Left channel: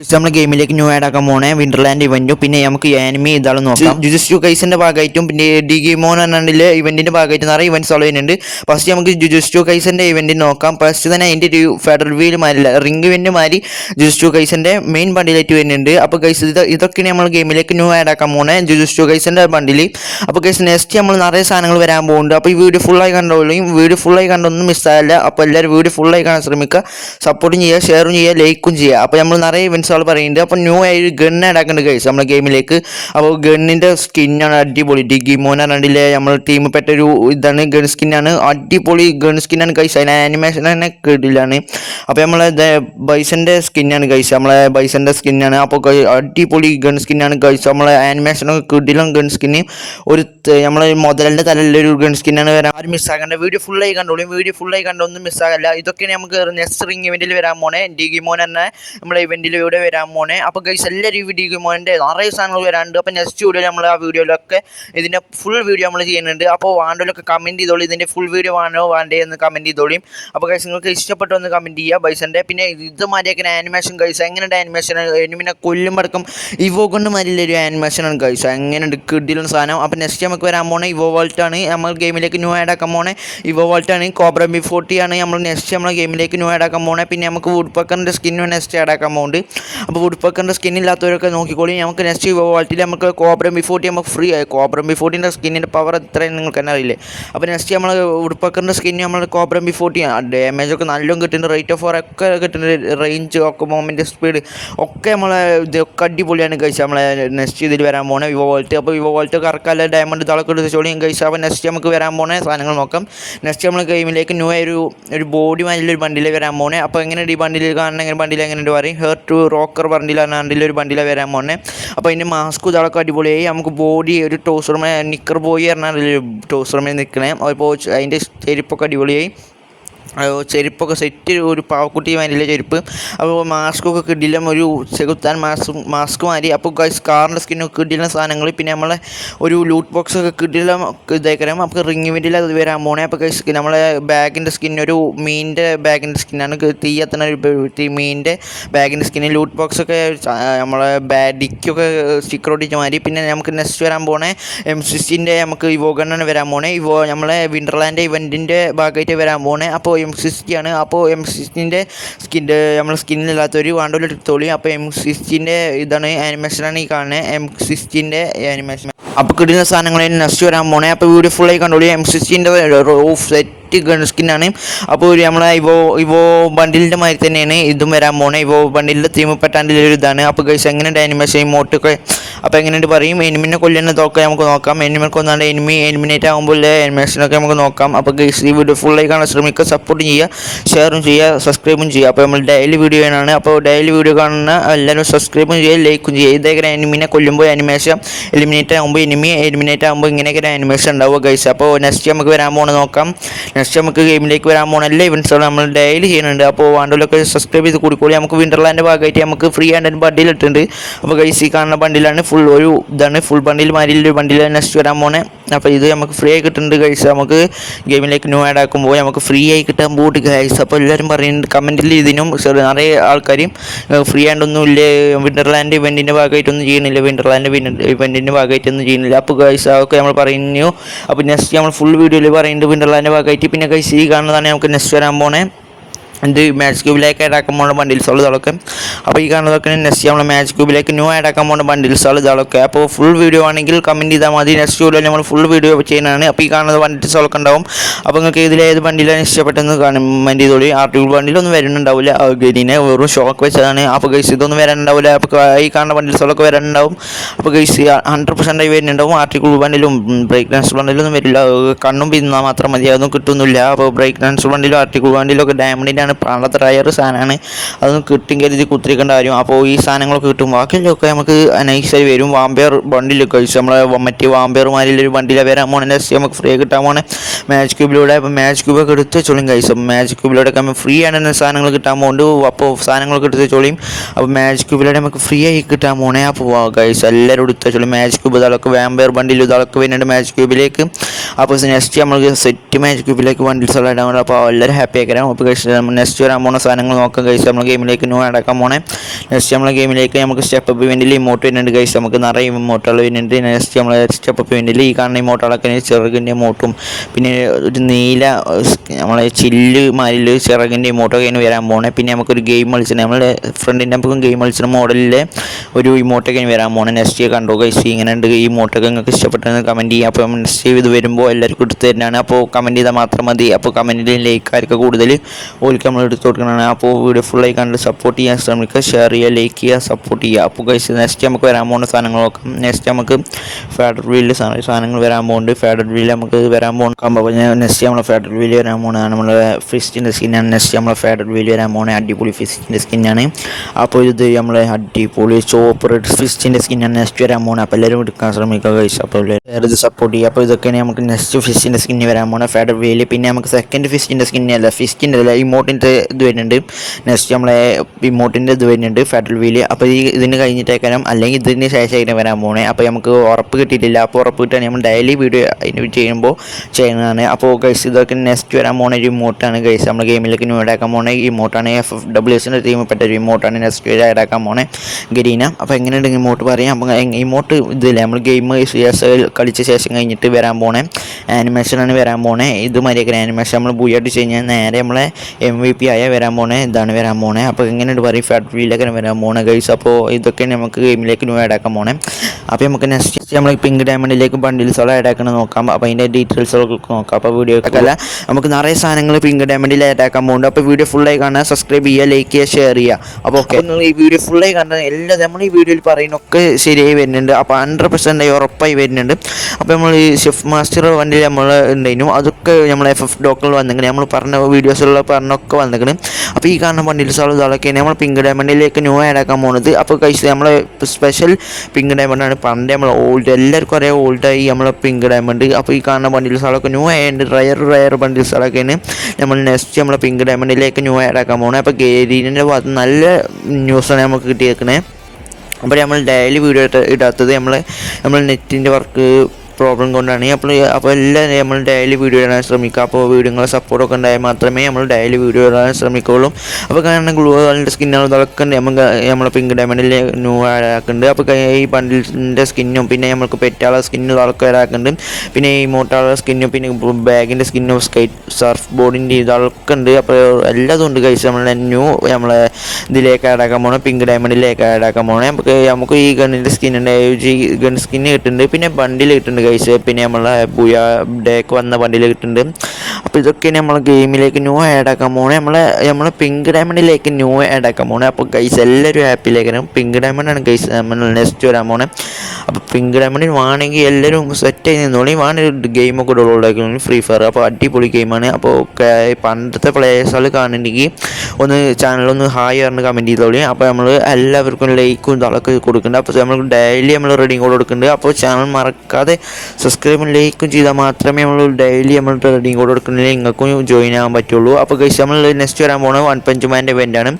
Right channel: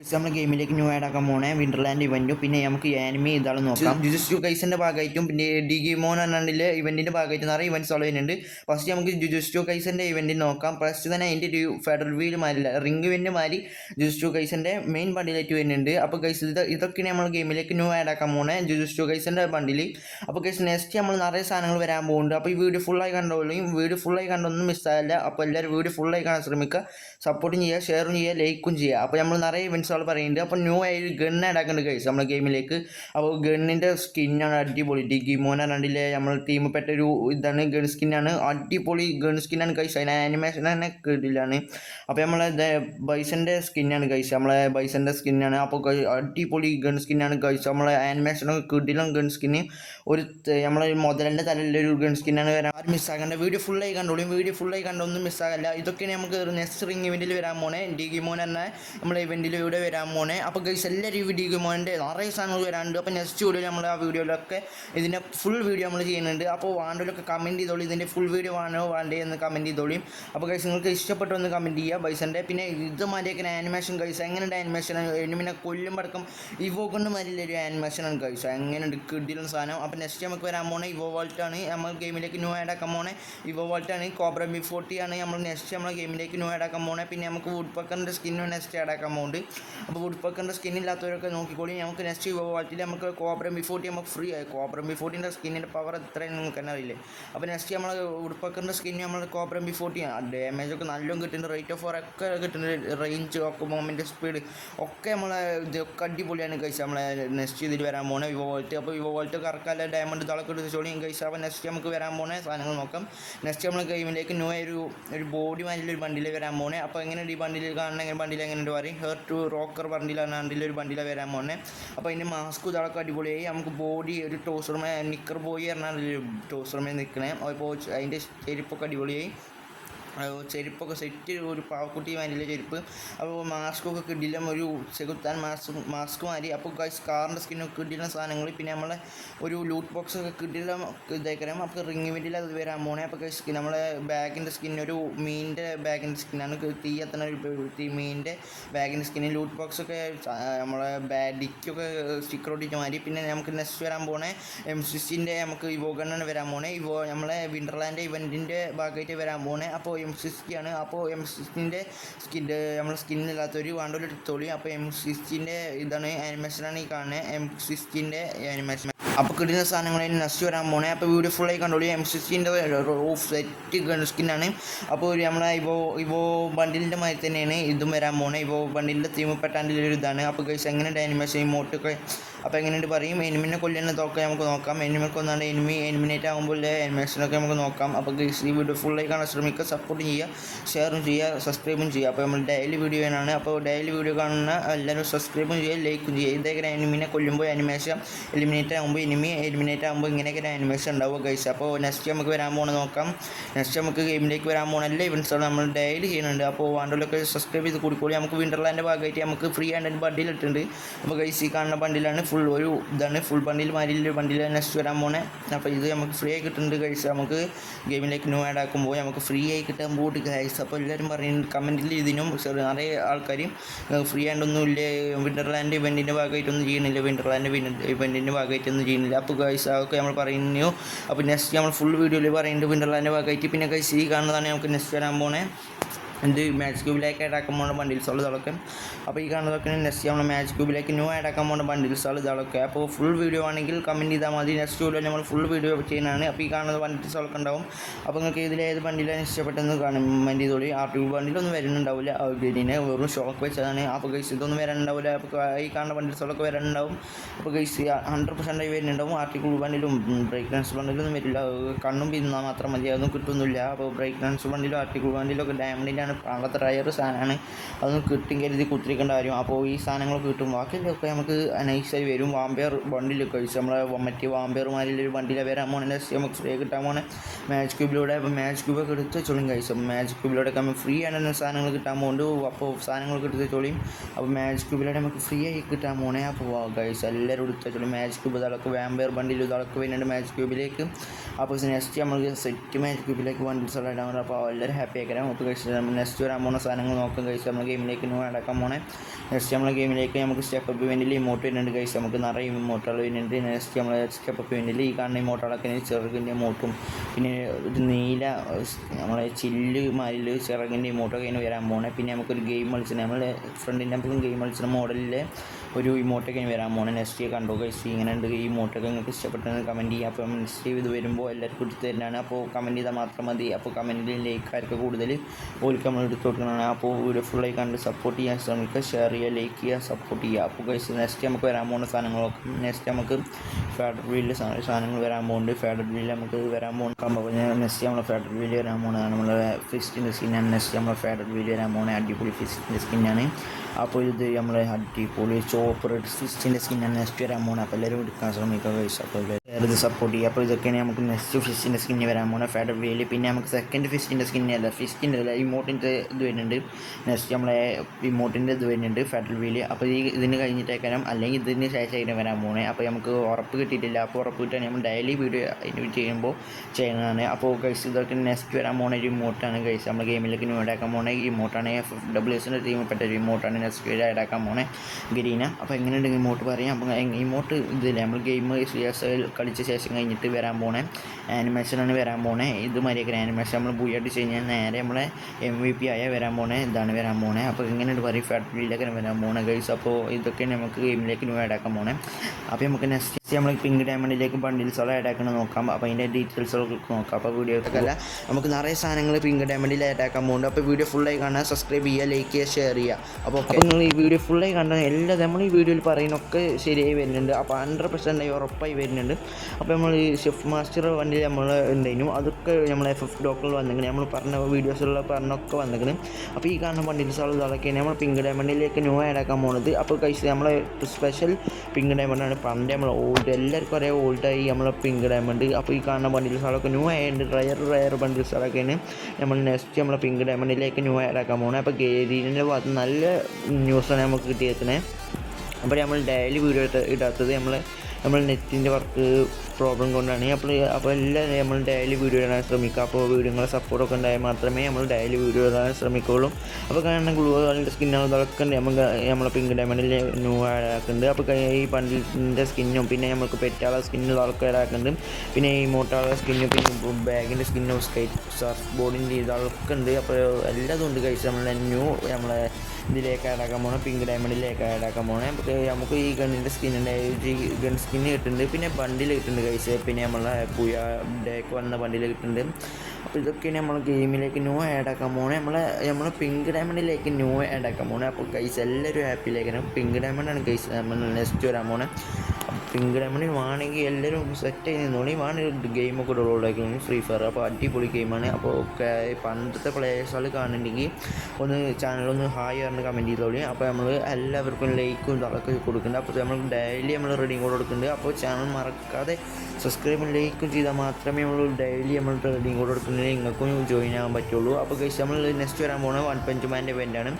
നമ്മുടെ ഗെയിമിലേക്ക് new add ആക്കാൻ പോണേ വിന്റർലാൻഡ് ഇവന്റും പിന്നെ നമുക്ക് ആനിമി ഇതാളും നോക്കാം. ജുജുത്സു കൈസിന്റെ ഭാഗമായിട്ടും പിന്നെ ഡിഗിമോൻ എന്നതിലെ ഇവന്റിന്റെ ഭാഗമായിട്ട് നിറയെ ഇവന്റ്സ് ഉള്ള വരുന്നുണ്ട്. ഫസ്റ്റ് നമുക്ക് ജുജുത്സു കൈസിന്റെ ഇവന്റ് നോക്കാം. ഫസ്റ്റ് തന്നെ അതിന്റെ ഒരു ഫെഡറൽ വീൽ മാറില്ല റിംഗ് ഇവന്റ് മാറി ജുജുത്സു കൈസിന്റെ മെയിൻ ബണ്ടിലായിട്ട് വരുന്നുണ്ട്. അപ്പോൾ ഗൈസ് ഇതൊക്കെയാണ് നമ്മൾ ഗെയിമിലേക്ക് ന്യൂ ആഡ് ആക്കാൻ പോണേ ജുജുത്സു കൈസിന്റെ ബണ്ടിൽ. അപ്പോൾ ഗൈസ് നെക്സ്റ്റ് നമ്മൾ നിറയെ സാധനങ്ങൾ വരാൻ പോകുന്നുണ്ട്. അപ്പോൾ ഈ വീഡിയോ ഫുള്ളായി കണ്ടോളും. വീഡിയോ ഫുള്ളായി കണ്ടൊന്നും മിസ്സാകില്ല. അപ്പോൾ എല്ലാവരും വീഡിയോ ഫുള്ളായി കാണാൻ ശ്രമിക്കുക. സപ്പോർട്ടും ചെയ്യുക, ഷെയറും ചെയ്യുക, ലൈക്കും ചെയ്യുക. അപ്പോൾ നമ്മൾ നിറയെ ഇവന്റ്സ് പറയുന്നുണ്ട്. അപ്പോൾ ന്യൂ ആയി ഗൺ ആഡാക്കേണ്ട കഴിച്ച് നമ്മുടെ ഗെയിമിലേക്ക്. അപ്പോൾ ഗണ്ണിൻ്റെ സ്കിന്നാണ് അടിപൊളി. ഡിഗിമോൻ പറഞ്ഞില്ലേ നമ്മൾ ടീം പെട്ട ഒരു ഇതാണ് ഗൺ സ്കിന്നാണ്. അടിപൊളി ഗൺ സ്കിന്നാണ് കഴിച്ച്. അതിന് ആനിമേഷൻ തന്നെ കിടിലാണ്. അപ്പോൾ നമ്മളെ ബൈസൻ്റെ സ്കിന്നാണ് കഴിച്ച്. നമ്മളെ ബൈസൻ്റെ സ്കിന്നാണ്. അപ്പോൾ അടിപൊളി ഗൺ സ്കിന്നാണ് കഴിച്ച്. നമ്മളെ ആനിമേഷനൊക്കെ കിടിലും ഗൺ സ്കിന്ന് ഒരു നമ്മളെ മുതലിൻ്റെ തലയിലൊരു ഗൺ സ്കിന്നാണ് വരാൻ. ആരും മിസ്സാകേണ്ട. വീഡിയോ ഫുള്ളായി കണ്ടോളും. വീഡിയോ ഫുള്ളായി കണ്ടൊന്നും മിസ്സാകല്ല. ഇതൊക്കെയാണ് നമുക്ക് നെക്സ്റ്റ് റിംഗ് ഇവൻറ്റിൽ വരാൻ പോണേ. ഡിഗിമോൻ തന്നെ നമ്മുടെ ഇവൻറ്റിലൂടെ വരാൻ പോണേ. അപ്പോൾ ഗൈസ് എല്ലാവരും ഈ ഡിഗിമോൻ്റെ നിറയെ സാധനങ്ങൾ വരാനുണ്ട്. അപ്പോൾ നെക്സ്റ്റ് വീഡിയോയിൽ നമ്മൾ ആ വീഡിയോയിലൊക്കെ ഇതിൻ്റെ ഫുൾ വീഡിയോ നമ്മൾ ചെയ്യുന്നുണ്ട്. അപ്പോൾ വാണ്ടോലൊക്കെ കമൻറ്റ് ചെയ്തോളൂ. ഇതിൻ്റെ ഫുൾ വീഡിയോ വേണോ വേണ്ടേ എന്ന് കമൻറ്റ് ചെയ്തോളിയും. അപ്പോൾ ഗൈസ് നിങ്ങൾക്ക് ഇഷ്ടപ്പെട്ടോ എന്ന് കമൻറ്റ് ചെയ്യുക ബൈസൻ്റെ. പിന്നെ ഇത് മാതിരിയൊക്കെ ആനിമേഷൻ ഗൈസ് എങ്ങനെയുണ്ട് ആനിമേഷൻ എനിമിനെ കൊല്ലുമ്പടക്കം ഇവോ കൊണ്ട് മാതിരിയുള്ളൊരു ആനിമേഷനാണ് ഗൈസ്. എങ്ങനെയുണ്ട് കിടിലൻ സാധനം. അപ്പോൾ നെക്സ്റ്റ് നമുക്ക് വരാൻ പോണേ ഇവോ വോൾട്ടാണ്. നമ്മൾ ഗെയിമിലേക്ക് ന്യൂ ആഡ് ആക്കാൻ പോണേ ഇവോ വോൾട്ടാണ്. കോബ്ര B40 ആണ് നമ്മൾ നെക്സ്റ്റ് നമ്മൾ ഗെയിമിലേക്ക് ന്യൂ ആഡ് ആക്കാൻ പോണേ. പിന്നെ നമുക്ക് വുഡ് പക്കറിൻ്റെ സ്കിന്നും നെക്സ്റ്റ് ആഡ് ആക്കാൻ പോകുന്നുണ്ട്. അപ്പോൾ വുഡ് പക്കറിൻ്റെ സ്കിന്നില്ലാത്തവരൊക്കെ നോക്കിക്കോളി. നമുക്ക് നെക്സ്റ്റ് ഇവോ വോൾട്ടിൽ നമുക്ക് കോബ്ര B40 നമുക്ക് ഫ്രീ ആയി. കോബ്ര B40ൻ്റെ സ്കിന്നിൻ്റെ പവർ എത്രയും നിങ്ങൾക്ക് തന്നെ അറിയില്ലേ. അപ്പോൾ നെക്സ്റ്റ് നമ്മൾ വുഡ് പക്കറിൻ്റെ സ്കിന്ന് നമ്മൾ കോബ്ര B40 ഡാമേജൊക്കെ നല്ലോണം കിട്ടുന്നുണ്ട്. റേറ്റ് ഓഫ് ഫയർ ഒക്കെ കിട്ടുന്നുണ്ട്. റേഞ്ച് ഒക്കെ മൂവ്മെൻറ്റ് സ്പീഡ് ഒക്കെ നമ്മളെ ഇതൊക്കെ അടിപൊളിയാണ് കഴിച്ച്. നമ്മളെ നെക്സ്റ്റ് ഇതിൽ വരാൻ പോണേ വിവോ വോൾട്ട്. അപ്പോൾ വിവോ വോൾട്ട് കറക്കാല്ല ഡയമണ്ട് ഇതൊക്കെ എടുത്ത് ചോളിയും കഴിച്ച്. അപ്പോൾ നെക്സ്റ്റ് നമുക്ക് വരാൻ പോണേ സാധനങ്ങൾ നോക്കാം. നെക്സ്റ്റ് നമ്മൾ ഗെയിമിലേക്ക് ന്യൂ ഒരു ബോഡി മാതിരിയൊരു ബണ്ടിൽ വരാൻ പോണേ. അപ്പോൾ എങ്ങനെയുണ്ട് ഈ ബണ്ടിൽ കാണണം. എങ്ങനെ ബണ്ടിൽ എങ്ങനെയുണ്ട് പറയും ഹെർട്ട് ടു റോക്കർ ബണ്ടിലാണ് ഒരു ബണ്ടിലാണ് വരാൻ പോണേ. അപ്പോൾ അതിൻ്റെ മാസ്ക് ഇതൊക്കെ അടിപൊളിയായി. നമുക്ക് ബോഡി ഒരു ടോസർമേ നിക്കർ ബോയി പറഞ്ഞാൽ ടോസർമേ നിൽക്കണേ. അപ്പോൾ അതിൻ്റെ ചെരുപ്പൊക്കെ അടിപൊളിയായി. ചെരുപ്പൊക്കെ സെറ്റ് ഒരു പാവക്കുട്ടി മാതിരില്ല ചെരുപ്പ്. അപ്പോൾ മാസ്കൊക്കെ കിടില്ല ഒരു ചെകുത്താൻ മാസ്ക് മാതിരി. അപ്പോൾ ഗൈസ് കാറിൻ്റെ സ്കിന്നൊക്കെ കിടില്ല സാധനങ്ങൾ. പിന്നെ നമ്മളെ ഒരു ലൂട്ട് ബോക്സ് ഒക്കെ കിടില്ല ഇതായിരിക്കാം. അപ്പോൾ റിംഗ് ഇവൻറ്റിൽ അത് വരാൻ പോണേ. അപ്പോൾ ഗൈസ് നമ്മളെ ബാഗിൻ്റെ സ്കിൻ ഒരു മീനിൻ്റെ ബാഗിൻ്റെ സ്കിന്നാണ്. തീ എത്തുന്ന ഒരു മീനിൻ്റെ ബാഗിൻ്റെ സ്കിന്ന്. ലൂട്ട് ബോക്സൊക്കെ നമ്മളെ ഡിക്കൊക്കെ സ്റ്റിക്കർ ഒട്ടിച്ച മാതിരി. പിന്നെ നമുക്ക് നെക്സ്റ്റ് വരാൻ പോണേ M60 നമുക്ക് ഇവോ ഗണ്ണാണ് വരാൻ പോണേ. ഇവോ നമ്മളെ വിൻ്റർലാൻഡ് ഇവൻറ്റിൻ്റെ ഭാഗമായിട്ട് വരാൻ പോണേ. അപ്പോൾ M60 ആണ്. അപ്പോൾ M60 നമ്മൾ സ്കിന്നില്ലാത്തൊരു വാണ്ടോല എടുത്തോളി. അപ്പോൾ M60 ഇതാണ് ആനിമേഷനാണ് ഈ കാണുന്നത്. M60 animation. അപ്പോൾ കിട്ടുന്ന സാധനങ്ങൾ നെക്സ്റ്റ് വരാൻ പോണേ. അപ്പോൾ വീഡിയോ ഫുള്ളായി കണ്ടോളി. M60 roof set gun സ്കിന്നാണ്. അപ്പോൾ നമ്മളെ ഇവോ ബണ്ടിലിൻ്റെ മാതിരി തന്നെയാണ് ഇതും വരാൻ പോണേ. ഇവോ ബണ്ടിലിൻ്റെ തീമപ്പെട്ടാണ്ടിലൊരു ഇതാണ്. അപ്പോൾ ഗൈസ് എങ്ങനെയുണ്ട് ആനിമേഷൻ ഇമോട്ടൊക്കെ. അപ്പോൾ എങ്ങനെയുണ്ട് പറയും. എനിമിനെ കൊല്ലുന്ന തോക്കെ നമുക്ക് നോക്കാം. എനിമിനെ കൊന്നാണ്ട് എലിമിനേറ്റ് ആകുമ്പോൾ ആനിമേഷനൊക്കെ നമുക്ക് നോക്കാം. അപ്പോൾ ഗൈസ് ഈ വീഡിയോ ഫുള്ളായി കാണാൻ ശ്രമിക്കുക. സപ്പോർട്ട് ചെയ്യുക, ഷെയറും ചെയ്യുക, സബ്സ്ക്രൈബും ചെയ്യുക. അപ്പോൾ നമ്മൾ ഡെയിലി വീഡിയോ ആണ്. അപ്പോൾ ഡെയിലി വീഡിയോ കാണുന്ന എല്ലാവരും സബ്സ്ക്രൈബും ചെയ്യുക, ലൈക്കും ചെയ്യുക. ഇതേപോലെ എനിമിനെ കൊല്ലുമ്പോൾ ആനിമേഷൻ എലിമിനേറ്റ് ആകുമ്പോൾ എലിമിനേറ്റ് ആകുമ്പോൾ ഇങ്ങനെയൊക്കെ ആനിമേഷൻ ഉണ്ടാവുക ഗൈസ്. അപ്പോൾ നെക്സ്റ്റ് നമുക്ക് വരാൻ പോകുന്നത് നോക്കാം. നെക്സ്റ്റ് നമുക്ക് ഗെയിമിലേക്ക് വരാൻ പോകുന്ന എല്ലാ ഇവൻറ്റ്സുകളും നമ്മൾ ഡെയിലി ചെയ്യുന്നുണ്ട്. അപ്പോൾ വാണ്ടോലൊക്കെ സബ്സ്ക്രൈബ് ചെയ്ത് കൂടിക്കോളി. നമുക്ക് വിൻ്റർലാൻഡ് ഭാഗമായിട്ട് നമുക്ക് ഫ്രീ ആയിട്ട് ബണ്ടിൽ ഇട്ടുണ്ട്. അപ്പോൾ ഗൈസ് ഈ കാണുന്ന ബണ്ടിലാണ് ഫുൾ ഒരു ഇതാണ് ഫുൾ ബണ്ടിൽ മാരിലൊരു ബണ്ടിൽ നെക്സ്റ്റ് വരാൻ പോണേ. അപ്പോൾ ഇത് നമുക്ക് ഫ്രീ ആയി കിട്ടുന്നുണ്ട് ഗൈസ്. നമുക്ക് ഗെയിമിലേക്ക് ന്യൂ ആഡ് ആക്കുമ്പോൾ നമുക്ക് ഫ്രീ ആയി കിട്ടാൻ പോയിട്ട് ഗൈസ്. അപ്പോൾ എല്ലാവരും പറയുന്നുണ്ട് കമൻറ്റിൽ ഇതിനും നിറയെ ആൾക്കാരും ഫ്രീ ആയിട്ടൊന്നും ഇല്ല വിൻ്റർലാൻഡ് ഇവൻറ്റിൻ്റെ ഭാഗമായിട്ടൊന്നും ചെയ്യുന്നില്ല. വിൻ്റർലാൻഡ് ഇവൻറ്റിൻ്റെ ഭാഗമായിട്ടൊന്നും ചെയ്യുന്നില്ല. അപ്പോൾ ഗൈസ് അതൊക്കെ നമ്മൾ പറയുന്നു. അപ്പോൾ നെക്സ്റ്റ് നമ്മൾ ഫുൾ വീഡിയോയിൽ പറയുന്നുണ്ട് വിൻ്റർലാൻഡ് ഭാഗമായിട്ട്. പിന്നെ ഗൈസ് ഈ കാണുന്നതാണ് നമുക്ക് നെക്സ്റ്റ് വരാൻ പോണേ. ഇത് മാച്ച് ക്യൂബിലേക്ക് ആഡ് ആക്കാൻ പോകുന്ന ബണ്ടിൽസുകൾ ഇതൊക്കെ. അപ്പോൾ ഈ കാണുന്നതൊക്കെ നെക്സ്റ്റ് നമ്മൾ മാച്ച് ക്യൂബിലേക്ക് ന്യൂ ആഡ് ആക്കാൻ പോകുന്ന ബണ്ടിൽസുകൾ ഇതൊക്കെ. അപ്പോൾ ഫുൾ വീഡിയോ ആണെങ്കിൽ കമൻറ്റ് ചെയ്താൽ മതി. നെക്സ്റ്റ് വീഡിയോ നമ്മൾ ഫുൾ വീഡിയോ ചെയ്യുന്നതാണ്. അപ്പോൾ ഈ കാണുന്ന ബണ്ടിൽസുകളൊക്കെ ഉണ്ടാവും. അപ്പോൾ നിങ്ങൾക്ക് ഇതിലേത് ബണ്ടിലാണ് ഇഷ്ടപ്പെട്ടെന്ന് കമൻറ്റ് ചെയ്തോളി. ആർട്ടിക്കിൾ ബണ്ടിലൊന്നും വരുന്നുണ്ടാവില്ല. ഗെയിനെ വെറും ഷോക്ക് വെച്ചതാണ്. അപ്പോൾ ഗൈസ് ഇതൊന്നും വരാനുണ്ടാവില്ല. അപ്പോൾ ഈ കാണുന്ന ബണ്ടിൽസുകളൊക്കെ വരാനുണ്ടാവും. അപ്പോൾ ഗൈസ് 100% ആയി വരുന്നുണ്ടാവും. ആർട്ടിക്കിൾ ബണ്ടിലും ബ്രേക്ക് ഡാൻസ് ബണ്ടിലൊന്നും വരില്ല. കണ്ണും പിന്നാൽ മാത്രം മതി. അതൊന്നും കിട്ടുന്നില്ല. അപ്പോൾ ബ്രേക്ക് ഡാൻസ് ബണ്ടിലും ആർട്ടിക്കിൾ ബണ്ടിലൊക്കെ ഡയമണ്ടിൻ്റെ പണ്ടത്തെ റയറ് സാധനമാണ്. അതൊന്നും കിട്ടും കരുതി കുത്തിരിക്കേണ്ട കാര്യം. അപ്പോൾ ഈ സാധനങ്ങളൊക്കെ കിട്ടും. ബാക്കിയൊക്കെ നമുക്ക് നൈസായി വരും. വാമ്പയർ ബണ്ടിലൊക്കെ കഴിച്ച് നമ്മളെ മറ്റേ വാമ്പയർമാരിലൊരു ബണ്ടിലാണ് വരാൻ പോണേ. നെക്സ്റ്റ് നമുക്ക് ഫ്രീ കിട്ടാൻ പോണേ മാച്ച് ക്യൂബിലൂടെ. അപ്പോൾ മാച്ച് ക്യൂബൊക്കെ എടുത്ത് ചൊളിയും കഴിച്ചു. മാച്ച് ക്യൂബിലൂടെ ഫ്രീ ആണ് സാധനങ്ങൾ കിട്ടാൻ പോകുന്നുണ്ട്. അപ്പോൾ സാധനങ്ങളൊക്കെ എടുത്ത് ചൊളിയും. അപ്പോൾ മാച്ച് ക്യൂബിലൂടെ നമുക്ക് ഫ്രീ ആയി കിട്ടാൻ പോണേ. അപ്പോൾ കഴിച്ച് എല്ലാവരും എടുത്ത് ചൊളി മാച്ച് ക്യൂബ് ഇതൊക്കെ വാമ്പയർ ബണ്ടിൽ ഇതൊക്കെ വരുന്നുണ്ട് മാച്ച് ക്യൂബിലേക്ക്. അപ്പോൾ നെക്സ്റ്റ് നമ്മൾ സെറ്റ് മാച്ച് ക്യൂബിലേക്ക് ബണ്ടിൽസ് ഇടാൻ. അപ്പോൾ എല്ലാവരും ഹാപ്പി ആക്കാം. അപ്പോൾ കഴിച്ച് നെക്സ്റ്റ് വരാൻ പോകുന്ന സാധനങ്ങൾ നോക്കാം ഗൈസ്. നമ്മൾ ഗെയിമിലേക്ക് ന്യൂ അടക്കാൻ പോണേ. നെക്സ്റ്റ് നമ്മളെ ഗെയിമിലേക്ക് നമുക്ക് സ്റ്റെപ്പ് അപ്പ് ഇവൻറ്റിൽ ഇമോട്ട് വരുന്നുണ്ട് ഗൈസ്. നമുക്ക് നിറയെ ഇമോട്ടുകൾ വരുന്നുണ്ട്. നെക്സ്റ്റ് നമ്മൾ സ്റ്റെപ്പ് അപ്പ് ഇവൻറ്റിൽ ഈ കാണുന്ന ഇമോട്ടുകളൊക്കെ ചെറുകിൻ്റെ ഇമോട്ടും പിന്നെ ഒരു നീല നമ്മളെ ചില്ല് മാരിൽ ചിറകിൻ്റെ ഇമോട്ടൊക്കെയാണ് വരാൻ പോണേ. പിന്നെ നമുക്കൊരു ഗെയിം കളിച്ചിട്ട് നമ്മളെ ഫ്രണ്ടിൻ്റെ നമുക്ക് ഗെയിം കളിച്ചിട്ട് മോഡലിലെ ഒരു ഇമോട്ടൊക്കെയാണ് വരാൻ പോണേ. നെക്സ്റ്റ് കണ്ടോ ഗൈസ്, ഇങ്ങനെ ഉണ്ട് ഈ ഇമോട്ടൊക്കെ നിങ്ങൾക്ക് ഇഷ്ടപ്പെട്ടെന്ന് കമൻറ്റ് ചെയ്യുക. അപ്പോൾ നെക്സ്റ്റ് ഇത് വരുമ്പോൾ എല്ലാവർക്കും എടുത്ത് തരുന്നതാണ്. അപ്പോൾ കമൻറ്റ് ചെയ്താൽ മാത്രം മതി. അപ്പോൾ കമൻറ്റിൽ ലൈക്കാർക്ക് കൂടുതൽ ഓൽക്ക് നമ്മൾ എടുത്ത് കൊടുക്കുന്നതാണ്. അപ്പോൾ വീഡിയോ ഫുള്ളായി കണ്ട് സപ്പോർട്ട് ചെയ്യാൻ ശ്രമിക്കുക, ഷെയർ ചെയ്യുക, ലൈക്ക് ചെയ്യുക, സപ്പോർട്ട് ചെയ്യുക. അപ്പോൾ ഗൈസ് നെക്സ്റ്റ് നമുക്ക് വരാൻ പോകുന്ന സാധനങ്ങൾ നോക്കാം. നെക്സ്റ്റ് നമുക്ക് ഫെഡറൽ വീലിൽ സാധനങ്ങൾ വരാൻ പോകുന്നുണ്ട്. ഫെഡറൽ വീല് നമുക്ക് വരാൻ പോകുമ്പോൾ നെക്സ്റ്റ് നമ്മളെ ഫെഡറൽ വീല് വരാൻ പോകുന്നതാണ് നമ്മളെ ഫിസ്റ്റിൻ്റെ സ്കിന്നാണ്. നെക്സ്റ്റ് നമ്മളെ ഫെഡറൽ വീല് വരാൻ പോകുന്നത് അടിപൊളി ഫിസ്റ്റിൻ്റെ സ്കിന്നാണ്. അപ്പോൾ ഇത് നമ്മളെ അടിപൊളി ചോപ്പ് റെഡ് ഫിസ്റ്റിൻ്റെ സ്കിന്നാണ് നെക്സ്റ്റ് വരാൻ പോകുന്നത്. അപ്പോൾ എല്ലാവരും എടുക്കാൻ ശ്രമിക്കുക ഗൈസ്. അപ്പോൾ ഇത് സപ്പോർട്ട് ചെയ്യുക. അപ്പോൾ ഇതൊക്കെയാണ് നമുക്ക് നെക്സ്റ്റ് ഫിസ്റ്റിൻ്റെ സ്കിന്ന് വരാൻ പോകുന്നത് ഫെഡറൽ വീല്. പിന്നെ നമുക്ക് സെക്കൻഡ് ഫിസ്റ്റിൻ്റെ സ്കിന്നല്ല, ഫിസ്റ്റിൻ്റെ അല്ല ഇമോട്ടിൻ്റെ ഇത് വരുന്നുണ്ട്. നെക്സ്റ്റ് നമ്മളെ ഇമോട്ടിൻ്റെ ഇത് വരുന്നുണ്ട് ഫെഡറൽ വീല്. അപ്പോൾ ഇതിന് കഴിഞ്ഞിട്ടേക്കാനും അല്ലെങ്കിൽ ഇതിന് ശേഷമായിട്ട് വരാൻ പോകണേ. അപ്പോൾ നമുക്ക് ഉറപ്പ് കിട്ടിയിട്ടില്ല. അപ്പോൾ ഉറപ്പ് കിട്ടാൻ നമ്മൾ ഡെയിലി വീഡിയോ ചെയ്യുമ്പോൾ ചെയ്യുന്നതാണ്. അപ്പോൾ ഗൈസ് ഇതൊക്കെ നെക്സ്റ്റ് വരാൻ പോകുന്ന ഒരു ഇമോട്ടാണ് ഗൈസ്. നമ്മൾ ഗെയിമിലേക്ക് ന്യൂ ആക്കാൻ പോകുന്ന ഇമോട്ടാണ്. FFWSൻ്റെ ടീമിൽപ്പെട്ട ഒരു ഇമോട്ടാണ് നെക്സ്റ്റ് ആക്കാൻ പോകുന്നത് ഗരീന. അപ്പോൾ എങ്ങനെയുണ്ട് ഇമോട്ട് പറയാം. അപ്പോൾ ഇമോട്ട് ഇതില്ലേ നമ്മൾ ഗെയിം കളിച്ച ശേഷം കഴിഞ്ഞിട്ട് വരാൻ പോണേ ആനിമേഷനാണ് വരാൻ പോണേ. ഇത് മര്യാദ ആനിമേഷൻ നമ്മൾ ബൂയായിട്ട് കഴിഞ്ഞാൽ നേരെ നമ്മളെ MVP ആയ വരാൻ പോണേ ഇതാണ് വരാൻ പോണേ. അപ്പോൾ എങ്ങനെയുണ്ട് പറയും ഫെഡറൽ വീലൊക്കെ വരാൻ പോണേ ഗൈസ്. അപ്പോൾ ഇതൊക്കെ നമുക്ക് ഗെയിമിലേക്ക് ന്യൂ ആക്കാൻ പോണേ. അപ്പോൾ നമുക്ക് നെക്സ്റ്റ് നമ്മൾ പിങ്ക് ഡയമണ്ടിലേക്ക് ബണ്ടിൽസോളം ആഡാക്കണം നോക്കാം. അപ്പോൾ അതിൻ്റെ ഡീറ്റെയിൽസൊക്കെ നോക്കാം. അപ്പോൾ വീഡിയോ അല്ല നമുക്ക് നിറയെ സാധനങ്ങൾ പിങ്ക് ഡയമണ്ടിൽ ആഡാക്കാൻ പോകുന്നുണ്ട്. അപ്പോൾ വീഡിയോ ഫുള്ളായി കാണാൻ സബ്സ്ക്രൈബ് ചെയ്യുക, ലൈക്ക് ചെയ്യുക, ഷെയർ ചെയ്യുക. അപ്പോൾ ഓക്കെ നിങ്ങൾ ഈ വീഡിയോ ഫുള്ളായി കണ്ടാൽ എല്ലാം നമ്മൾ ഈ വീഡിയോയിൽ പറയുന്നൊക്കെ ശരിയായി വരുന്നുണ്ട്. അപ്പോൾ 100% ഉറപ്പായി വരുന്നുണ്ട്. അപ്പോൾ നമ്മൾ ഈ ഷെഫ് മാസ്റ്റർ വണ്ടിയിൽ നമ്മൾ ഉണ്ടായിരുന്നു അതൊക്കെ നമ്മൾ FF ഡോക്ടറിൽ വന്നിങ്ങനെ നമ്മൾ പറഞ്ഞ വീഡിയോസിലുള്ള പറഞ്ഞൊക്കെ വന്നിക്കണം. അപ്പോൾ ഈ കാണുന്ന ബണ്ടിൽസോളം ഇതൊക്കെയാണ് നമ്മൾ പിങ്ക് ഡയമണ്ടിലേക്ക് ന്യൂ ആഡാക്കാൻ പോകുന്നത്. അപ്പോൾ കഴിച്ച് നമ്മൾ സ്പെഷ്യൽ പിങ്ക് ഡയമണ്ടാണ്. പണ്ട് നമ്മൾ ഓൾഡ് എല്ലാവർക്കും അറിയാം ഓൾഡായി നമ്മൾ പിങ്ക് ഡയമണ്ട്. അപ്പോൾ ഈ കാണുന്ന ബണ്ടിൽസോളൊക്കെ ന്യൂ ആയതുകൊണ്ട് റയർ ബണ്ടിൽസോളൊക്കെയാണ് നമ്മൾ നെക്സ്റ്റ് നമ്മൾ പിങ്ക് ഡയമണ്ടിലേക്ക് ന്യൂ ആഡാക്കാൻ പോകുന്നത്. അപ്പോൾ ഗെരീനിൻ്റെ ഭാഗത്ത് നല്ല ന്യൂസാണ് നമുക്ക് കിട്ടിയേക്കുന്നത്. അപ്പോൾ നമ്മൾ ഡെയിലി വീഡിയോ ഇടാത്തത് നമ്മൾ നെറ്റിൻ്റെ വർക്ക് പ്രോബ്ലം കൊണ്ടാണ്. അപ്പോൾ എല്ലാം നമ്മൾ ഡെയിലി വീഡിയോ ഇടാൻ ശ്രമിക്കുക. അപ്പോൾ വീഡിയോകളെ സപ്പോർട്ടൊക്കെ ഉണ്ടായാൽ മാത്രമേ നമ്മൾ ഡെയിലി വീഡിയോ ഇടാൻ ശ്രമിക്കുകയുള്ളൂ. അപ്പോൾ കാരണം ഗ്ലൂവാളിൻ്റെ സ്കിന്നുകൾ ഇതൊക്കെ നമ്മളെ പിങ്ക് ഡയമണ്ടിൽ ന്യൂ ആക്കുന്നുണ്ട്. അപ്പോൾ ഈ ബണ്ടിലിൻ്റെ സ്കിന്നും പിന്നെ നമുക്ക് പെറ്റാളെ സ്കിന്നും ഇതൊക്കെ ഇതാക്കുന്നുണ്ട്. പിന്നെ ഈ മോട്ടാളെ സ്കിന്നും പിന്നെ ബാഗിൻ്റെ സ്കിന്നും സർഫ് ബോർഡിൻ്റെ ഇതൊക്കെ ഉണ്ട്. അപ്പോൾ എല്ലാതും ഉണ്ട് കഴിച്ച് നമ്മളെ നമ്മളെ ഇതിലേക്ക് ആഡാക്കാൻ പോകണം, പിങ്ക് ഡയമണ്ടിലേക്ക് ആഡാക്കാൻ പോകണം. നമുക്ക് ഈ ഗണ്ണിൻ്റെ സ്കിന്നുണ്ട്, ഗൺ സ്കിന്ന് കിട്ടുന്നുണ്ട്, പിന്നെ ബണ്ടിൽ കിട്ടുന്നുണ്ട് ഗൈസ്. പിന്നെ നമ്മളെ ബുയാ ഡേക്ക് വന്ന ബണ്ടിൽ കിട്ടുന്നുണ്ട്. അപ്പോൾ ഇതൊക്കെ നമ്മൾ ഗെയിമിലേക്ക് ന്യൂ ആഡാക്കാൻ പോകണേ. നമ്മൾ പിങ്ക് ഡയമണ്ടിലേക്ക് ന്യൂ ആഡാക്കാൻ പോകണേ. അപ്പോൾ ഗൈസ് എല്ലാവരും ഹാപ്പിയിലേക്കാണ്. പിങ്ക് ഡയമണ്ടാണ് ഗൈസ് നമ്മൾ നെക്സ്റ്റ് വരാൻ പോകണേ. അപ്പോൾ പിങ്ക് ഡയമണ്ടിന് വേണമെങ്കിൽ എല്ലാവരും സെറ്റായി നിന്നോളി. വേണമെങ്കിൽ ഗെയിമൊക്കെ ഡൗൺലോഡ് ഫ്രീ ഫയർ. അപ്പോൾ അടിപൊളി ഗെയിമാണ്. അപ്പോൾ പണ്ടത്തെ പ്ലേയേഴ്സുകൾ കാണുന്നുണ്ടെങ്കിൽ ഒന്ന് ചാനലൊന്ന് ഹായ് പറഞ്ഞ് കമൻറ്റ് ചെയ്തോളി. അപ്പോൾ നമ്മൾ എല്ലാവർക്കും ലൈക്കും ഇതൊക്കെ കൊടുക്കുന്നുണ്ട്. അപ്പോൾ നമ്മൾ ഡെയിലി നമ്മൾ റെഡിങ് കോഡ് കൊടുക്കുന്നുണ്ട്. അപ്പോൾ ചാനൽ മറക്കാതെ സബ്സ്ക്രൈബും ലൈക്കും ചെയ്താൽ മാത്രമേ നമ്മൾ ഡെയിലി നമ്മൾ റെഡിങ് കോഡ് കൊടുക്കുന്നില്ല നിങ്ങൾക്കും ജോയിൻ ആകാൻ പറ്റുള്ളൂ. അപ്പോൾ ഗൈസ് നമ്മൾ നെക്സ്റ്റ് വരാൻ പോകുന്നത് വൺ പഞ്ച് മാൻ്റെ ഇവൻ്റാണ്.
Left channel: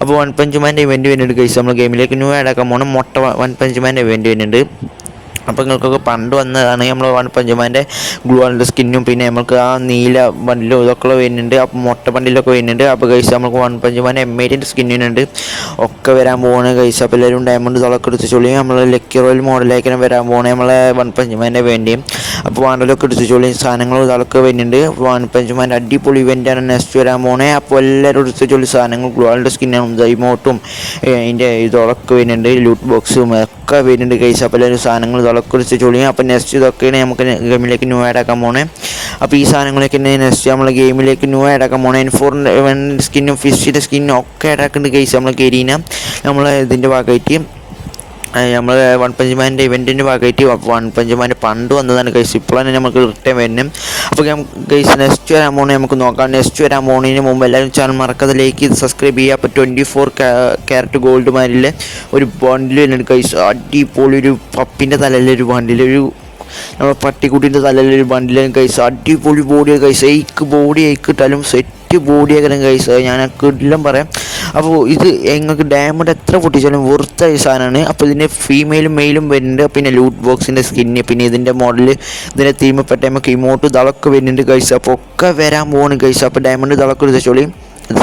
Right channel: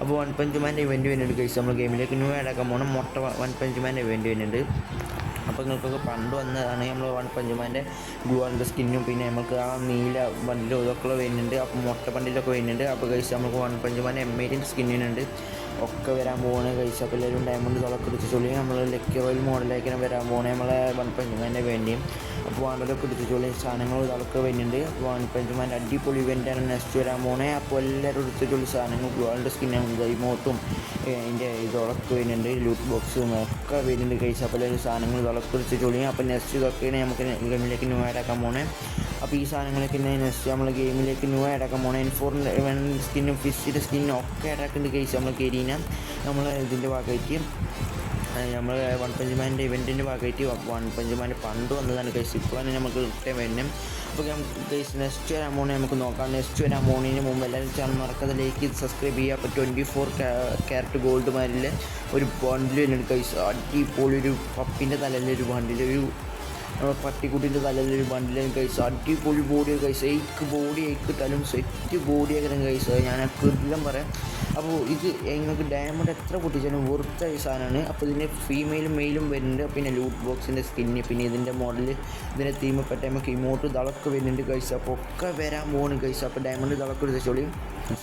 അപ്പോൾ വൺ പഞ്ച് മാൻ്റെ ഇവൻറ്റ് വരുന്നുണ്ട് ഗൈസ്. നമ്മൾ ഗെയിമിലേക്ക് ന്യൂ ആഡാക്കാൻ പോകണം. വൺ പഞ്ച് മാൻ്റെ ഇവൻറ്റ് വരുന്നുണ്ട്. അപ്പോൾ നിങ്ങൾക്കൊക്കെ പണ്ട് വന്നതാണ് നമ്മൾ വൺ പഞ്ച് മാൻ്റെ ഗ്ലൂവാളിൻ്റെ സ്കിന്നും പിന്നെ നമുക്ക് ആ നീല ബണ്ടിലും ഇതൊക്കെ വരുന്നുണ്ട്. അപ്പോൾ മുട്ട ബണ്ടിലൊക്കെ വരുന്നുണ്ട്. അപ്പോൾ ഗൈസ് നമുക്ക് വൺ പഞ്ച് മാൻ്റെ M8ൻ്റെ സ്കിന്നിനുണ്ട് ഒക്കെ വരാൻ പോകുന്നത് ഗൈസ്. അപ്പോൾ എല്ലാവരും ഡയമണ്ട് ഇതൊക്കെ എടുത്ത് ചൊല്ലി നമ്മൾ ലക്കി റോയൽ മോഡലേക്കാണ് വരാൻ പോകുന്നത് നമ്മളെ വൺ പഞ്ച് മാൻ്റെ വേണ്ടിയും. അപ്പോൾ വാണ്ടലൊക്കെ എടുത്ത് ചൊല്ലി സാധനങ്ങൾ ഇതൊക്കെ വരുന്നുണ്ട്. വൺ പഞ്ച് മാൻ്റെ അടിപൊളി ഇവൻ്റാണ് നെക്സ്റ്റ് വരാൻ പോകുന്നത്. അപ്പോൾ എല്ലാവരും എടുത്ത് ചൊല്ലി സാധനങ്ങൾ ഗ്ലൂവാളിൻ്റെ സ്കിന്നും ഇമോട്ടും അതിൻ്റെ ഇതൊക്കെ വരുന്നുണ്ട്, ലൂട്ട് ബോക്സും ഒക്കെ വരുന്നുണ്ട് ഗൈസ്. അപ്പോൾ എല്ലാവരും സാധനങ്ങൾ കുറിച്ച് ചൊല്ലിയും. അപ്പോൾ നെക്സ്റ്റ് ഇതൊക്കെയാണ് നമുക്ക് ഗെയിമിലേക്ക് ന്യൂ ആഡാക്കാൻ പോണേ. അപ്പോൾ ഈ സാധനങ്ങളൊക്കെ നെക്സ്റ്റ് നമ്മൾ ഗെയിമിലേക്ക് ന്യൂ ആഡാക്കാൻ പോണേ. N4 സ്കിന്നും ഫിഷിൻ്റെ സ്കിന്നും ഒക്കെ ആഡാക്കുന്നുണ്ട് ഗൈസ്. നമ്മൾ ഗെരീന നമ്മൾ ഇതിൻ്റെ ഭാഗമായിട്ട് നമ്മൾ വൺ പഞ്ച് മാൻ്റെ ഇവൻറ്റിൻ്റെ ഭാഗമായിട്ട് വൺ പഞ്ച് മാൻ്റെ പണ്ട് വന്നതാണ് ഗൈസ്. ഇപ്പോഴാണ് നമുക്ക് റിട്ടേൺ വരുന്നത്. അപ്പോൾ ഗൈസ് നെക്സ്റ്റ് വരാൻ പോകുന്നത് നമുക്ക് നോക്കാം. നെക്സ്റ്റ് വരാൻ പോകുന്നതിന് മുമ്പ് എല്ലാവരും ചാനൽ മറക്കാതെ ലൈക്ക് ചെയ്ത് സബ്സ്ക്രൈബ് ചെയ്യുക. അപ്പോൾ 24 ക്യാരറ്റ് ഗോൾഡ് മാരിലെ ഒരു ബണ്ടിൽ വരുന്നുണ്ട് ഗൈസ്. അടിപൊളി ഒരു പപ്പിൻ്റെ തലയിലൊരു ബണ്ടിൽ, ഒരു നമ്മൾ പട്ടിക്കുട്ടിൻ്റെ തലയിലൊരു ബണ്ടിലാണ് ഗൈസ്. അടിപൊളി ബോഡിയാണ് ഗൈസ്. ബോഡി ഇട്ടാലും സെറ്റ് ബോഡിയാക്കണം ഗൈസ്. ഞാൻ എല്ലാം പറയാം. അപ്പോൾ ഇത് നിങ്ങൾക്ക് ഡയമണ്ട് എത്ര പൊട്ടിച്ചാലും വെറുത്ത സാധനമാണ്. അപ്പോൾ ഇതിൻ്റെ ഫീമെയിലും മെയിലും വരുന്നുണ്ട്. പിന്നെ ലൂട്ട് ബോക്സിൻ്റെ സ്കിന്ന് പിന്നെ ഇതിൻ്റെ മോഡൽ ഇതിൻ്റെ തീമപ്പെട്ട നമുക്ക് ഇമോട്ട് ഇതൊക്കെ വരുന്നുണ്ട് ഗൈസ്. അപ്പോൾ ഒക്കെ വരാൻ പോകുന്നു ഗൈസ്. അപ്പോൾ ഡയമണ്ട് ഇതൊക്കെ എടുത്തോളി.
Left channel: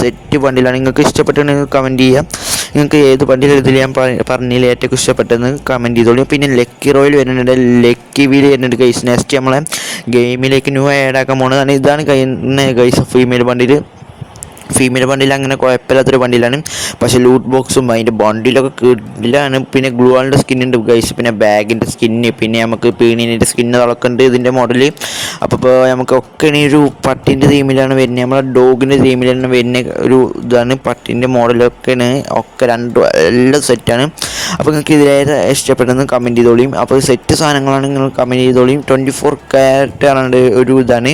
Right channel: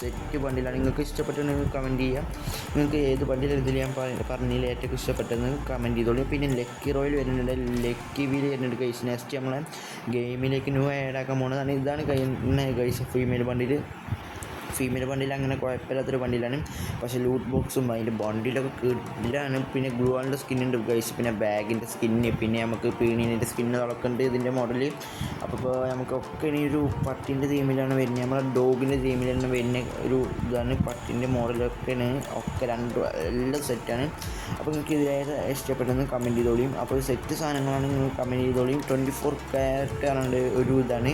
സെറ്റ് ബണ്ടിലാണ്. നിങ്ങൾക്ക് ഇഷ്ടപ്പെട്ടെങ്കിൽ കമൻറ്റ് ചെയ്യാം. നിങ്ങൾക്ക് ഏത് ബണ്ടിൽ ഇതിൽ ഞാൻ പറഞ്ഞതിൽ ഏറ്റവും ഇഷ്ടപ്പെട്ടെന്ന് കമൻറ്റ് ചെയ്തോളൂ. പിന്നെ ലക്കി റോയിൽ വരുന്നുണ്ട്, ലക്കി വീൽ വരുന്നുണ്ട് ഗൈസ്. നെക്സ്റ്റ് നമ്മളെ ഗെയിമിലേക്ക് ന്യൂ ആഡ് ആക്കാൻ പോകുന്നതാണ്. ഇതാണ് ഗൈസ് ഫീമെയിൽ ബണ്ടിൽ അങ്ങനെ കുഴപ്പമില്ലാത്തൊരു ബണ്ടിലാണ്. പക്ഷേ ലൂട്ട് ബോക്സും അതിൻ്റെ ബണ്ടിലൊക്കെ കിടിലാണ്. പിന്നെ ഗ്ലൂ വാളിൻ്റെ സ്കിന്നുണ്ട് ഗൈസ്, പിന്നെ ബാഗിൻ്റെ സ്കിന്ന്, പിന്നെ നമുക്ക് പീണീൻ്റെ സ്കിന്ന് അതൊക്കെ ഉണ്ട് ഇതിൻ്റെ മോഡൽ. അപ്പോൾ നമുക്കൊക്കെ ഇനി ഒരു പട്ടിൻ്റെ തീമിലാണ് വരുന്നത്, നമ്മളെ ഡോഗിൻ്റെ തീമിലാണ് വരുന്ന ഒരു ഇതാണ്. പട്ടിൻ്റെ മോഡലൊക്കെയാണ്, ഒക്കെ രണ്ടും എല്ലാം സെറ്റാണ്. അപ്പോൾ നിങ്ങൾക്ക് ഇതിലേത് ഇഷ്ടപ്പെട്ടെന്ന് കമൻറ്റ് ചെയ്തോളിയും. അപ്പോൾ സെറ്റ് സാധനങ്ങളാണ് നിങ്ങൾ കമൻറ്റ് ചെയ്തോളിയും. 24 ക്യാരറ്റ് പറഞ്ഞിട്ട് ഒരു ഇതാണ്,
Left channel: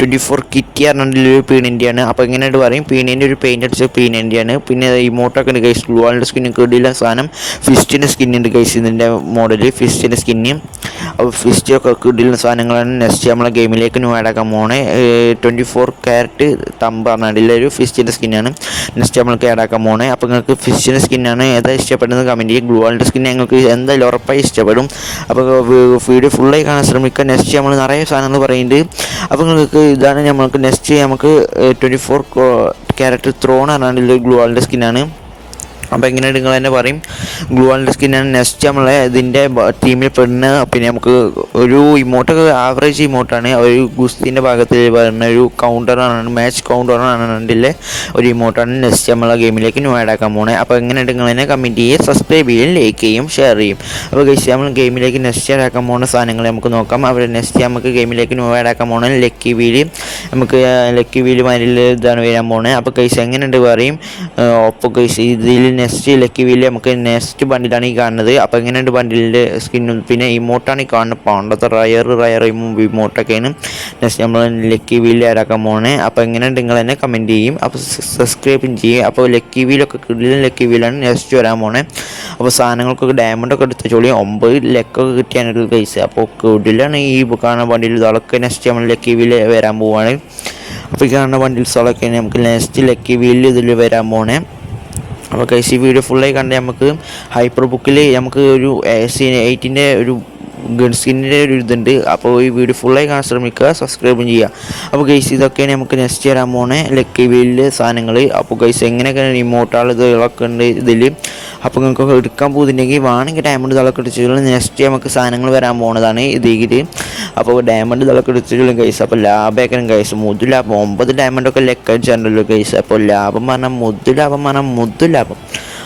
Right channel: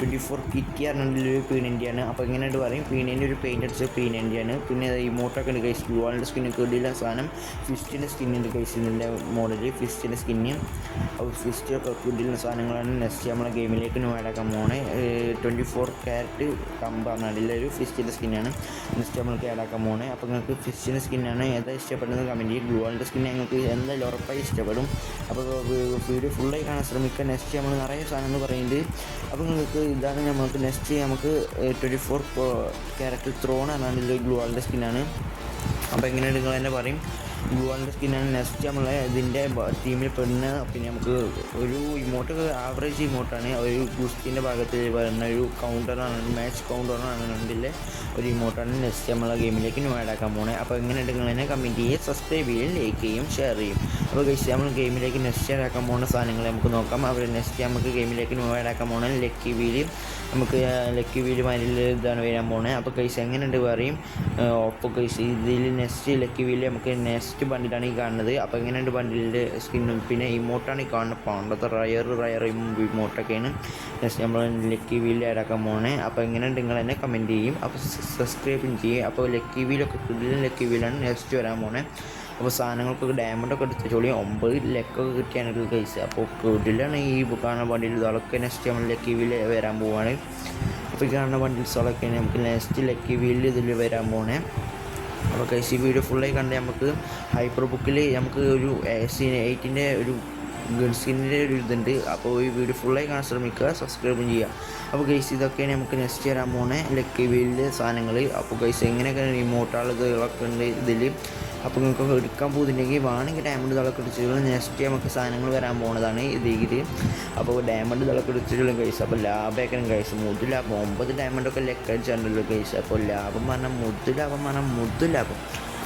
24 കിറ്റി പറഞ്ഞിട്ടുള്ള ഒരു പീണിൻ്റെയാണ്. അപ്പോൾ എങ്ങനെയായിട്ട് പറയും, പീണീൻ്റെ ഒരു പെയിൻ്റ് അടിച്ച പീണിൻ്റെയാണ്. പിന്നെ ഇമോട്ടൊക്കെ ഉണ്ട് ഗൈസ്, ഗ്ലൂ വാളിൻ്റെ സ്കിന്ന് കിടില സാധനം. ഫിസ്റ്റിൻ്റെ സ്കിന്നുണ്ട് ഗൈസ് ഇതിൻ്റെ മോഡൽ, ഫിസ്റ്റിൻ്റെ സ്കിന്ന്. അപ്പോൾ ഫിസ്റ്റൊക്കെ കിടില സാധനങ്ങളാണ്. നെക്സ്റ്റ് നമ്മളെ ഗെയിമിലേക്ക് ന്യൂ ആഡ് ആക്കാൻ പോണേ 24 ക്യാരറ്റ് തമ്പ് പറഞ്ഞിട്ടുള്ള ഒരു ഫിസ്റ്റിൻ്റെ സ്കിന്നാണ് നെക്സ്റ്റ് നമ്മൾക്ക് ആഡ് ആക്കാൻ പോണേ. അപ്പോൾ നിങ്ങൾക്ക് ഫിസ്റ്റിൻ്റെ സ്കിന്നാണ് ഏതാ ഇഷ്ടപ്പെടുന്നത് കമൻറ്റ് ചെയ്യുക. ഗ്ലൂ വാളിൻ്റെ സ്കിൻ ഞങ്ങൾക്ക് എന്തായാലും ഉറപ്പായി ഇഷ്ടപ്പെടും. അപ്പോൾ വീഡിയോ ഫുള്ളായി കാണാൻ ശ്രമിക്കുക. നെക്സ്റ്റ് നമ്മൾ നിറയെ സാധനങ്ങൾ പറയുന്നുണ്ട്. അപ്പോൾ നിങ്ങൾക്ക് ഇതാണ് നമ്മൾക്ക് നെക്സ്റ്റ് നമുക്ക് 24 ക്യാരറ്റ് ത്രോൺ പറഞ്ഞാൽ ഗ്ലൂ വാളിൻ്റെ സ്കിന്നാണ്. അപ്പോൾ എങ്ങനെയാണ് നിങ്ങൾ തന്നെ പറയും, ഗ്ലൂ വാളിൻ്റെ സ്കിന്നാണ്. നെക്സ്റ്റ് നമ്മളെ ഇതിൻ്റെ ടീമിൽ പെടുന്ന പിന്നെ നമുക്ക് ഒരു ഇമോട്ടൊക്കെ ആവറേജ് ഇമോട്ടാണ്, ഒരു ഗുസ്തിൻ്റെ ഭാഗത്തിൽ വരുന്ന ഒരു കൗണ്ടറാണ്, മാച്ച് കൗണ്ടറാണ് ഇതിലെ ഒരു ഇമോട്ടാണ്. നെക്സ്റ്റ് നമ്മളെ ഗെയിമിലേക്ക് ന്യൂ ആഡ് ആക്കാൻ പോകണേ. അപ്പോൾ എങ്ങനെയാണ് നിങ്ങൾ തന്നെ കമൻറ്റ് ചെയ്യുക, സബ്സ്ക്രൈബ് ചെയ്യും, ലൈക്ക് ചെയ്യും, ഷെയർ ചെയ്യും. അപ്പോൾ ഗൈസ് നമ്മൾ ഗെയിമിലേക്ക് നെക്സ്റ്റ് ആഡ് ആക്കാൻ പോകുന്ന സാധനങ്ങൾ നമുക്ക് നോക്കാം. അപ്പോൾ നെക്സ്റ്റ് നമുക്ക് ഗെയിമിലേക്ക് ന്യൂ ആഡ് ആക്കാൻ പോകുന്നത് ലക്കി വീല്. നമുക്ക് ലക്കി വീല് മാരിൽ ഇതാണ് വരാൻ പോകുന്നത്. അപ്പോൾ ഗൈസ് എങ്ങനെയുണ്ട് പറയും. അപ്പോൾ ഗൈസ് ഇതിൽ നെക്സ്റ്റ് ലക്കി വീല് നമുക്ക് നെക്സ്റ്റ് ബണ്ടിലാണ് ഈ കാണുന്നത്. അപ്പോൾ എങ്ങനെയുണ്ട് ബണ്ടിലിൻ്റെ സ്കിന്നും പിന്നെ ഇമോട്ടാണ് ഈ കാണുന്നത്. പണ്ടത്തെ റയർ ഇമോട്ടൊക്കെയാണ് നെക്സ്റ്റ് നമ്മൾ ലക്കി വീല് ആരാക്കാൻ പോകണേ. അപ്പോൾ എങ്ങനെയുണ്ട് നിങ്ങൾ തന്നെ കമൻറ്റ് ചെയ്യും. അപ്പോൾ സബ്സ്ക്രൈബും ചെയ്യും. അപ്പോൾ ലക്കി വീലൊക്കെ കിടിലൻ ലക്കി വീലാണ് നെക്സ്റ്റ് വരാൻ പോണേ. അപ്പോൾ സാധനങ്ങൾക്കൊക്കെ ഡയമണ്ടൊക്കെ എടുത്ത് ചോളി 9 ലക്കൊക്കെ കിട്ടിയാനൊരു കേസ്. അപ്പോൾ കിടിലാണ് ഈ കാണുന്ന ബണ്ടിൽ ഇതൊക്കെ നെക്സ്റ്റ് നമ്മൾ ലക്കി വീല് വരാൻ പോവാണ്. അപ്പോൾ ഈ കാണുന്ന ബണ്ടിൽസൊക്കെ നമുക്ക് നെക്സ്റ്റ് ലക്കി വീലിൽ ഇതിൽ വരാൻ പോണേ. അപ്പോൾ ഗൈസ് ഈ വീഡിയോ ഫുള്ളായി കണ്ട് നമുക്ക് ഹൈപ്പർ ബുക്കിൽ നമുക്ക് ഒരു AC8ൻ്റെ ഒരു ഗൺ സ്കിന്നിൻ്റെ ഒരു ഇതുണ്ട്. അപ്പോൾ ഈ വീഡിയോ ഫുള്ളായി കാണാൻ ശ്രമിക്കുക, സബ്സ്ക്രൈബും ചെയ്യുക. അപ്പോൾ ഗൈസ് ഇതൊക്കെയാണ് നമുക്ക് നെക്സ്റ്റ് വരാൻ പോണേ ലക്കി വീലിലെ സാധനങ്ങൾ. അപ്പോൾ ഗൈസ് എങ്ങനെയൊക്കെ ഇമോട്ടാൾ ഇതൊക്കെ ഉണ്ട് ഇതിൽ. അപ്പോൾ നിങ്ങൾക്ക് എടുക്കാൻ പോകുന്നുണ്ടെങ്കിൽ വേണമെങ്കിൽ ഡയമണ്ട് ഇതൊക്കെ എടുത്തിട്ടുള്ള നെക്സ്റ്റ് നമുക്ക് സാധനങ്ങൾ വരാൻ പോകുന്നതാണ് ഇതിൽ. അപ്പോൾ ഡയമണ്ട് ഇതൊക്കെ എടുത്തിട്ടുള്ള ഗൈസ്. അപ്പോൾ ലാഭമൊക്കെ ഗൈസ് മുതു ലാഭം 9 ഡയമണ്ടൊക്കെ ലെക്കടിച്ചാണല്ലോ ഗൈസ്. അപ്പോൾ ലാഭം പറഞ്ഞാൽ മുതു ലാഭം.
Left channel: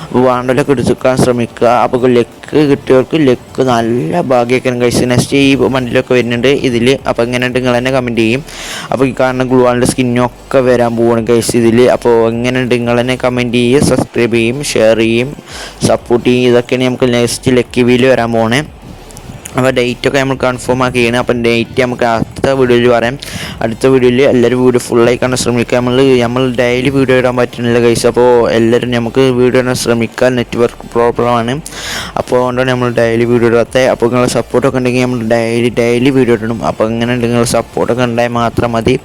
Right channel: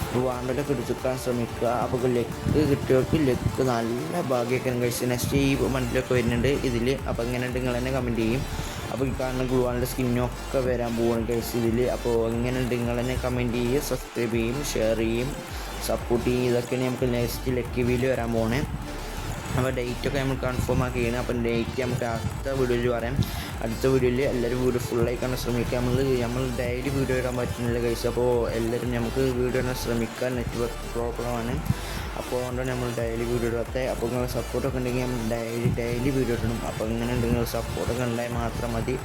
അപ്പോൾ വേണ്ടലൊക്കെ എടുക്കാൻ ശ്രമിക്കുക. അപ്പോൾ ലെക്ക് കിട്ടിയവർക്ക് ലെക്ക് നല്ല ഭാഗ്യമൊക്കെ ഗൈസ്. നെക്സ്റ്റ് ഈ വണ്ടിയിലൊക്കെ വരുന്നുണ്ട് ഇതിൽ. അപ്പോൾ എങ്ങനെയുണ്ട് നിങ്ങൾ തന്നെ കമൻറ്റ് ചെയ്യും. അപ്പോൾ ഈ കാണുന്ന ഗ്ലൂ വാളിൻ്റെ സ്കിന്നൊക്കെ വരാൻ പോവാണ് ഗൈസ് ഇതിൽ. അപ്പോൾ എങ്ങനെയുണ്ട് നിങ്ങൾ തന്നെ കമൻറ്റ് ചെയ്യും, സബ്സ്ക്രൈബ് ചെയ്യും, ഷെയർ ചെയ്യും, സപ്പോർട്ട് ചെയ്യും. ഇതൊക്കെയാണ് നമുക്ക് നെക്സ്റ്റ് ലക്കി വീല് വരാൻ പോണേ. അപ്പോൾ ഡേറ്റൊക്കെ നമ്മൾ കൺഫേം ആക്കിയാണ്. അപ്പം ഡേറ്റ് നമുക്ക് അടുത്ത വീഡിയോയിൽ പറയാം. അടുത്ത വീഡിയോയിൽ എല്ലാവരും വീഡിയോ ഫുള്ളായി കാണാൻ ശ്രമിക്കുക. നമ്മൾ ഡെയിലി വീഡിയോ ഇടാൻ പറ്റുന്നില്ല ഗൈസ്. അപ്പോൾ എല്ലാവരും നമുക്ക് വീഡിയോ ഇടാൻ ശ്രമിക്കുക. നെറ്റ്വർക്ക് പ്രോബ്ലമാണ്, അപ്പോൾ അതുകൊണ്ടാണ് നമ്മൾ ഡെയിലി വീഡിയോ ഇടാത്തത്. അപ്പോൾ നിങ്ങളുടെ സപ്പോർട്ടൊക്കെ ഉണ്ടെങ്കിൽ നമ്മൾ ഡെയിലി വീഡിയോ ഇടണം. അപ്പോൾ അങ്ങനെ നിങ്ങൾ സപ്പോർട്ടൊക്കെ ഉണ്ടായാൽ മാത്രം മതി.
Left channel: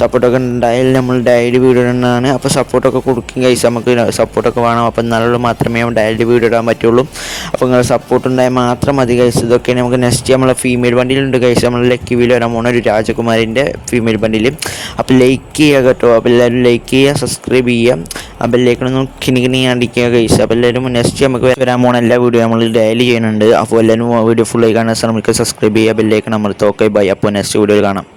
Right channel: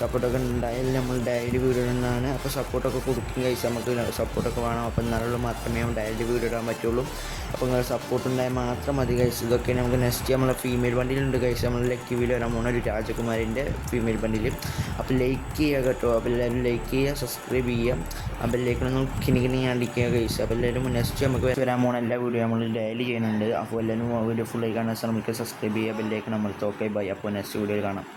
സപ്പോർട്ടൊക്കെ ഉണ്ടായാൽ നമ്മൾ ഡെയിലി വീഡിയോ ഇടുന്നതാണ്. അപ്പോൾ സപ്പോർട്ടൊക്കെ കൊടുക്കും ഗൈസ്, നമുക്ക് സപ്പോർട്ടൊക്കെ വേണം. അപ്പോൾ എന്നാലും മാത്രമേ ഡെയിലി വീഡിയോ ഇടാൻ പറ്റുള്ളൂ. അപ്പോൾ നിങ്ങളുടെ സപ്പോർട്ട് ഉണ്ടായാൽ മാത്രം മതി ഗൈസ്. ഇതൊക്കെ നമുക്ക് നെക്സ്റ്റ് നമ്മളെ ഫീമെയിൽ ബണ്ടിലുണ്ട് ഗൈസ്. നമ്മൾ ലക്കി വീല് വരാൻ പോകുന്ന ഒരു രാജകുമാരിൻ്റെ ഫീമെയിൽ ബണ്ടിൽ. അപ്പോൾ ലൈക്ക് ചെയ്യുക കേട്ടോ. അപ്പോൾ എല്ലാവരും ലൈക്ക് ചെയ്യുക, സബ്സ്ക്രൈബ് ചെയ്യുക. അപ്പോൾ എല്ലാവർക്കും കിണി അടിക്കുക ഗൈസ്. അപ്പോൾ എല്ലാവരും നെക്സ്റ്റ് നമുക്ക് വരാൻ പോകുന്ന എല്ലാ വീഡിയോ നമ്മൾ ഡെയിലി ചെയ്യുന്നുണ്ട്. അപ്പോൾ എല്ലാവരും വീഡിയോ ഫുള്ളായി കാണാൻ ശ്രമിക്കുക, സബ്സ്ക്രൈബ് ചെയ്യുക, ബെല്ലേക്ക് നമ്മൾ തോക്കെ ബൈ. അപ്പോൾ നെക്സ്റ്റ് വീഡിയോയിൽ കാണാം.